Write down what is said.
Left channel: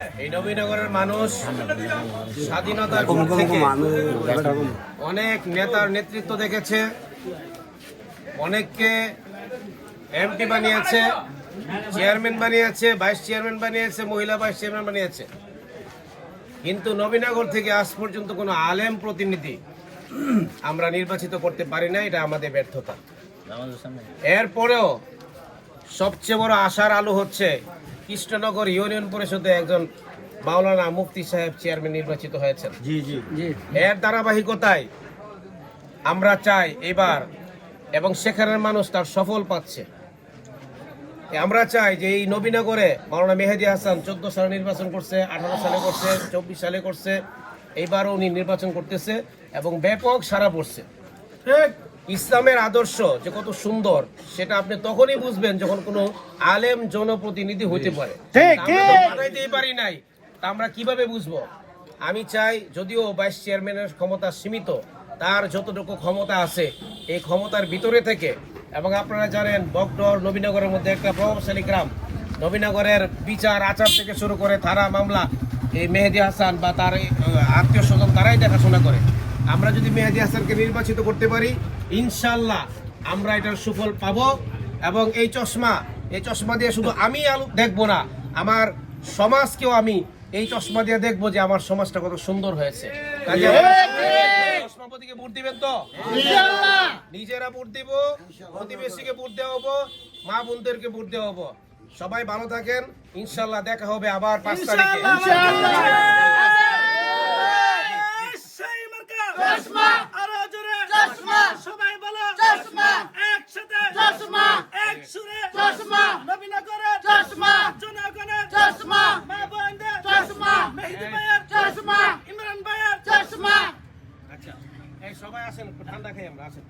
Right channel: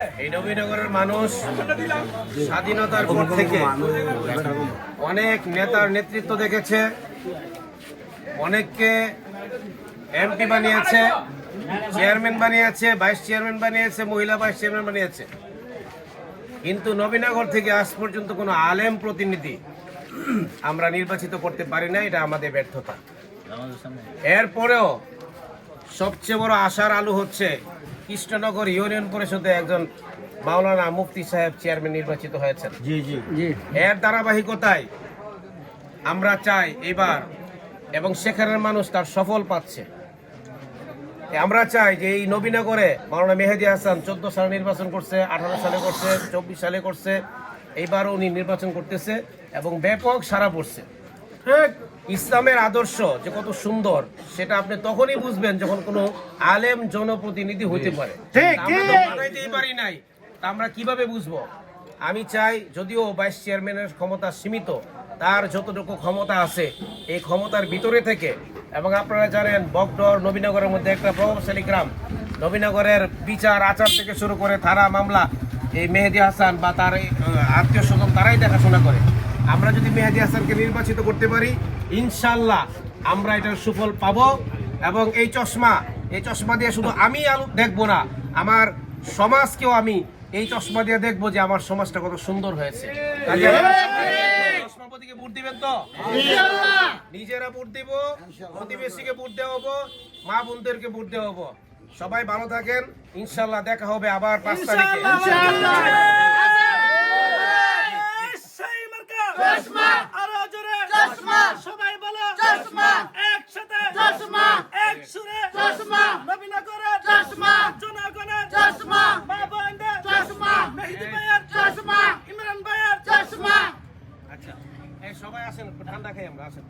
এই নবীনগরের মানুষ স্বাধীনতার পর থেকে অনেক নেতার নেতৃত্ব দেখেছে, অনেককে এমপি বানিয়েছে, চেয়ারম্যান বানিয়েছে, ভাইস চেয়ারম্যান বানিয়েছে, মহিলা ভাইস চেয়ারম্যান বানিয়েছে। কিন্তু নবীনগর থেকে আজ পর্যন্ত কোনো আলেম প্রতিনিধি আমরা নির্বাচিত করতে পারি না, এটা আমাদের ব্যর্থতা। এরপরেও সবচেয়ে বড় আশার আলো হচ্ছে কৃষ্ণনগর ইউনিয়ন পরিষদে একজন মাওলানা মুফতি সাহেব চেয়ারম্যান নির্বাচিত হয়েছেন। এর ধারাবাহিকতায় আমরা চাই এবার, এবং সেখানের মানুষ তার সফল পাচ্ছে, আমরা চাই যে এই নবীনগরে মাওলানা মেহেদী হাসান 14 সালে নির্বাচন করছে, 18 সালে করছে, 24 সালে করছে, এইবারও উনি নির্বাচন করতেছে এবং ব্যাপক সাড়া পড়ছে। ইসলামের আদর্শ যে কত সুন্দর সেটা আপনি তখনই বুঝবেন যখন কোনো আলেম জনপ্রতিনিধি হইতে পারে। বানাইতেই পারি নাই, তা আমরা কিভাবে বুঝবো? আমি চাই, যদিও ভাইস চেয়ারম্যানের ক্ষমতা সীমিত, তার যতটুকু ক্ষমতা আছে এই ক্ষমতার ভিতরে থেকে, এবং আপনারা জানেন বগডর নবীনগরের মধ্যে একটা প্রভাবশালী গ্রাম, নবীনগরের বিচার আচার থেকে শুরু করে থানা মামলা এই মেহেদী হাসান বা তার আত্মীয় স্বজন তারাই দেখাশোনা করে। আমরা যদি মেহেদী হাসানকে নির্বাচিত করতে পারি, ইনশাল্লাহ আমরা এটার সুফল পাবো। এবং এই চশমা দিয়ে শুধু আমি দেখবো না, আমার সমাজকেও আমি এই চশমা দিয়ে দেখবো যে আমার সমাজটা কত সুন্দর হয়েছে। চশমাপতিকে ভোট দিবেন তো? নিজেরা ভোট দিব, প্রতিবেশীকে ভোট দেওয়া হবো, মা বোনদেরকে ভোট দেওয়া হবো। সবাই ভালো থাকেন, ইনশাল্লাহ দেখা হবে আবার 5 তারিখে। আচ্ছা, এই সবাই আসেন, ঠান্ডা খাই আমরা, আসেন।